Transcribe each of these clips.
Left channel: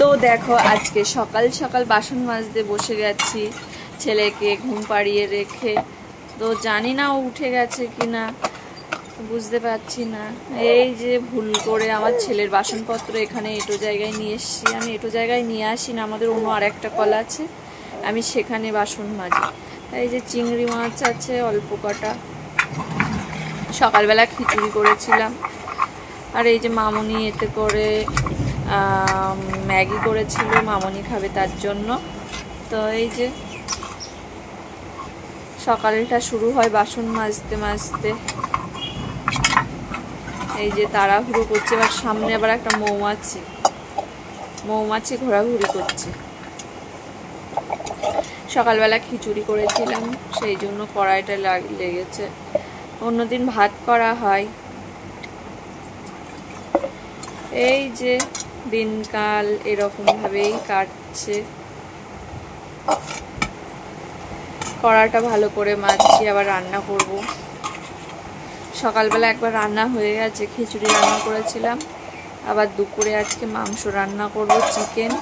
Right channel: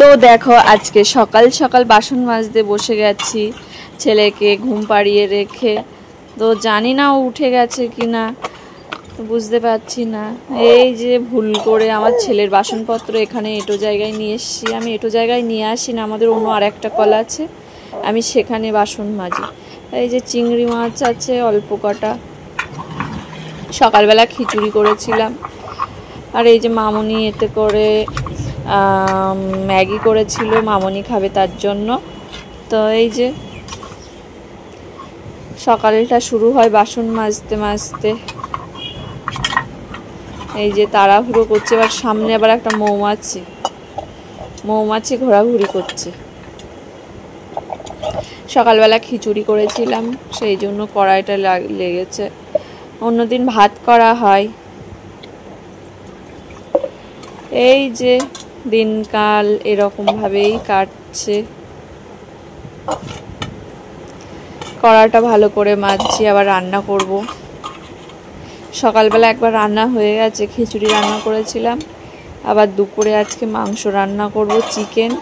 তো দেখো আজকে সকাল সকাল বাসন মাজতে বসে গেছি, ছেলেকে ঘুম পাড়িয়ে রেখে। তো জানি না ও উঠে গেছে কিনা, বুঝতে পারছি না। এই যে ভুল করে আমার ছেলের বাসনপত্র এখানে এটো জায়গায় নিয়ে এসেছি। আমি এটো জায়গায় নিয়ে আসি না, আমাদের অন্য আর একটা কল আছে, আমি সেখানে বাসন মাজি। এই যে চিংড়ি মাছ আছে অল্প কটা, সকালবেলা খিচুড়ি করেছিলাম। আর এই যে মামনি এতে করে ম্যাগি করেছিল, মামনি খাবে তার জন্য। তো এই যে সকালটা শুরু হয় বাসন মাজতে মাজতে। এই যে তাড়াহুড়ো করছে, এবার সামনে আবার একটা মৌমাছি ঘোরাঘুরি করছে। সকালবেলা খিচুড়ি করেছিলাম, সেই জন্য কড়াইটা লেগেছে। অন্যদিন ভাত করা হয়। এই যে দিনকাল এরকম ভাবেই কাটছে। কড়াটা ভালো করে মাজছি, আবার রান্না করব। সকালবেলা একবার রান্না হয়ে গেছে, খিচুড়ি রান্না করেছিলাম। আবার দুপুরে আজকে মাংস রান্না করব, চিকেন।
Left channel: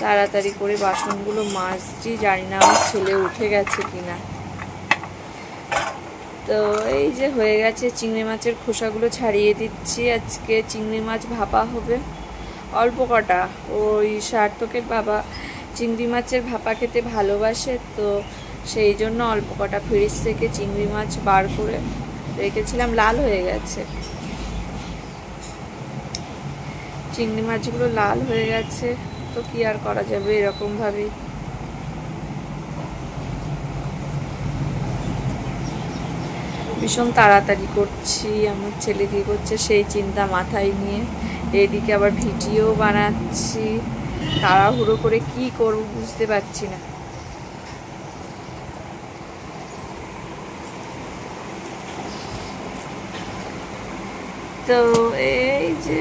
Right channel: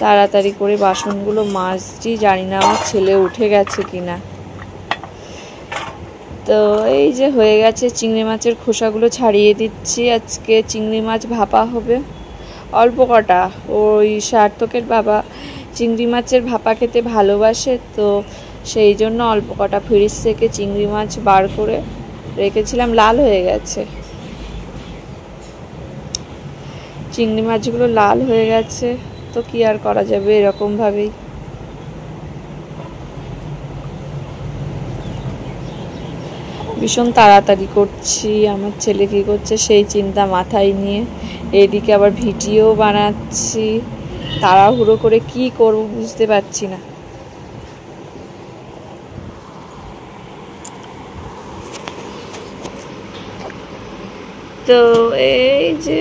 তাড়াতাড়ি করে বাসনগুলো মাজছি, জানি না আমার ছেলে উঠে গেছে কিনা। তো এই যে হয়ে গেছে, চিংড়ি মাছের খোসাগুলো ছাড়িয়ে দিচ্ছি। আজকে চিংড়ি মাছ ভাপা হবে অল্প কটা। ওই সার্থকের বাবা চিংড়ি মাছের ভাপা খেতে ভালোবাসে, তো সেই জন্য অল্প কটা ফ্রিজ থেকে চিংড়ি মাছ বার করে রেখেছিলাম, লাল হয়ে গেছে। চিংড়ি মাছগুলো লাল হয়ে গেছে, তো কি আর করা যাবে, এরকম ভাবেই। ভীষণ তাড়াতাড়ি করছি, আমার ছেলে কী করছে সেই চিন্তা মাথায় নিয়ে। এদিকে আবার ভিডিও বানাচ্ছি, তাড়াহুড়ো করে কি করব বুঝতে পারছি না। তো এই যে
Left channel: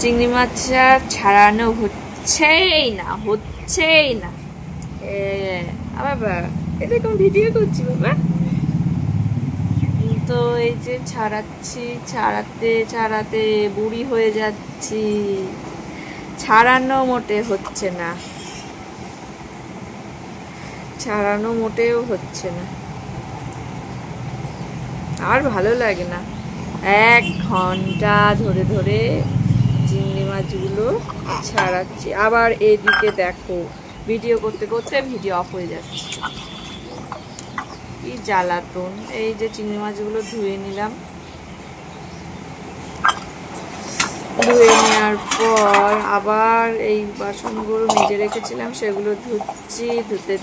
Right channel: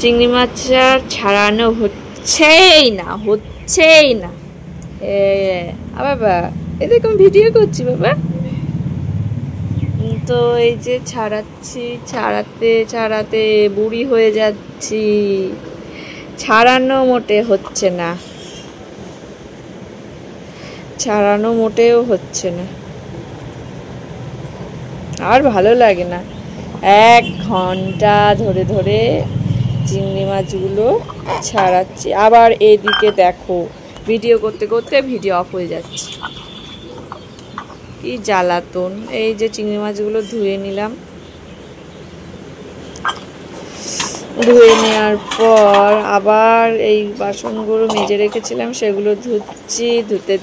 চিংড়ি মাছ ছাড়ানো হচ্ছেই না। বাবা এরকম ভিডিও করছি বাবা। তো এই যে ছাড়াতে বুড়ি হয়ে যাচ্ছি, ছাড়ানো মোটেও হচ্ছে না। আর ভালো লাগে না, 1 ঘন্টা ধরে ধরে চিংড়ি মাছগুলো ছাড়াচ্ছি। আবার এইদিকে দেখো ভিডিও করতে করতে ভিডিও অফ হয়ে যাচ্ছে, কি জ্বালাতন। এই যে চিংড়ি মাছগুলো ধুয়ে নিলাম, ধুয়ে নেওয়ার পর আবার এই বাসনগুলো মেজে রেখেছিলাম সেগুলো ধুচ্ছি। ধুতে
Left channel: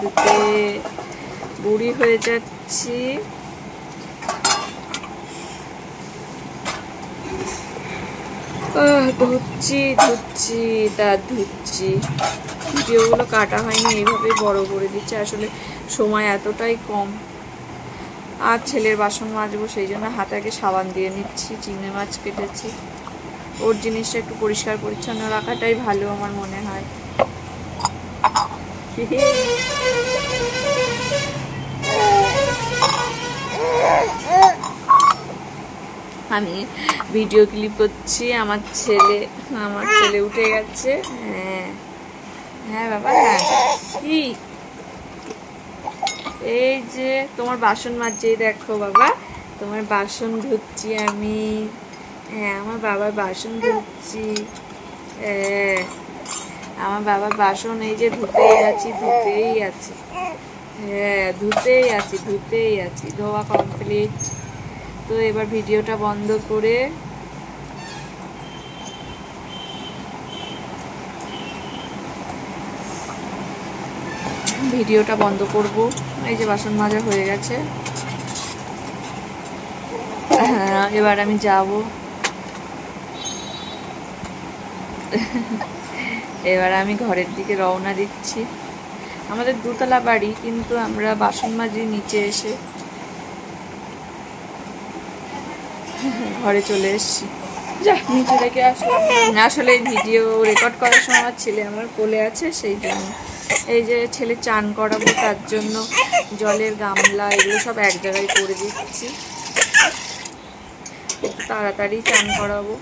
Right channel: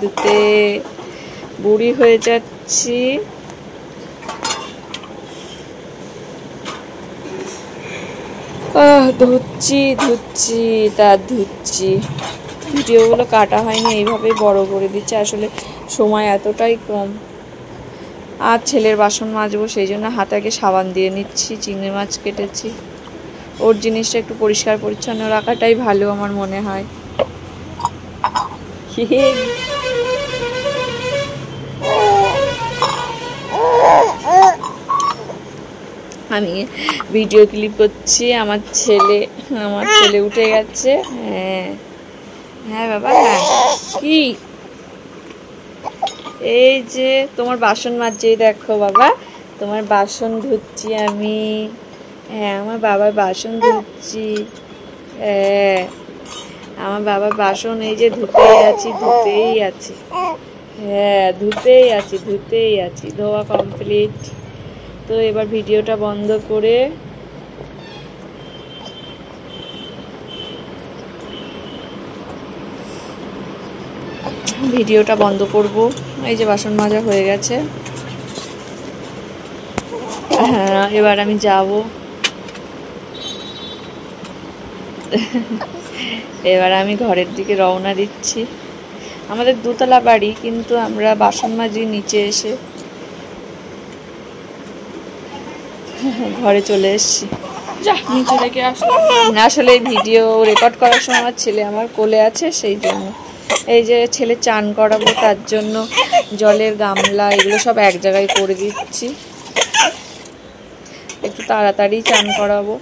বুড়ি হয়ে যাচ্ছি। ধুচ্ছি। ভিডিওগুলো কাটা হয়নি, এইভাবেই বড় করে দিচ্ছি। আসলে সময় এতটাই কম। আর ছেলের বাসন মাজবো, সেই জন্য হাতাকে সাবান দিয়ে নিচ্ছি। চিংড়ি মাছ কেটেছি, ওর জিনিসটা একটু পরিষ্কার পরিচ্ছন্ন রাখাটাই ভালো আমার মনে হয়। আমি ভিডিও ক্লিপ করছি, আমার ছেলে উঠে গেছে। হ্যাঁ বাবা, কি এই যে তোমার বাসন মাজছি, দেখো বাবা তোমার বাসন ধুচ্ছি আমি। হ্যাঁ আমার বাবার বাসন ধুচ্ছি। আমার বাবার বাসন এই যে ধুতেই আছি। হ্যাঁ ধুতেই আছি, ধোয়া কমপ্লিট। তো এবার ভিডিওটা বন্ধ করে করব। এই যে বাসন মাজা হয়ে গেছে। হ্যাঁ এবার আমি যাব। এবার আমি ঘরের দিকে রওনা দিচ্ছি। আমাদের 2 তলা বাড়ি, কিন্তু আমরা বাসন মাজি নিচে এসে, ঘরে চলে এসেছি। যা নিচে রেখে আসলাম। আসলে ভিডিও রেকর্ড করার সময় আমার ছেলে আমার কোলে আছে, সেই জন্য। এই যে ছেলে চান করাবো, তার জন্য জলের গামলা এগুলো সব এক জায়গায় করে দিচ্ছি। একটু তাড়াতাড়ি চান করাবো।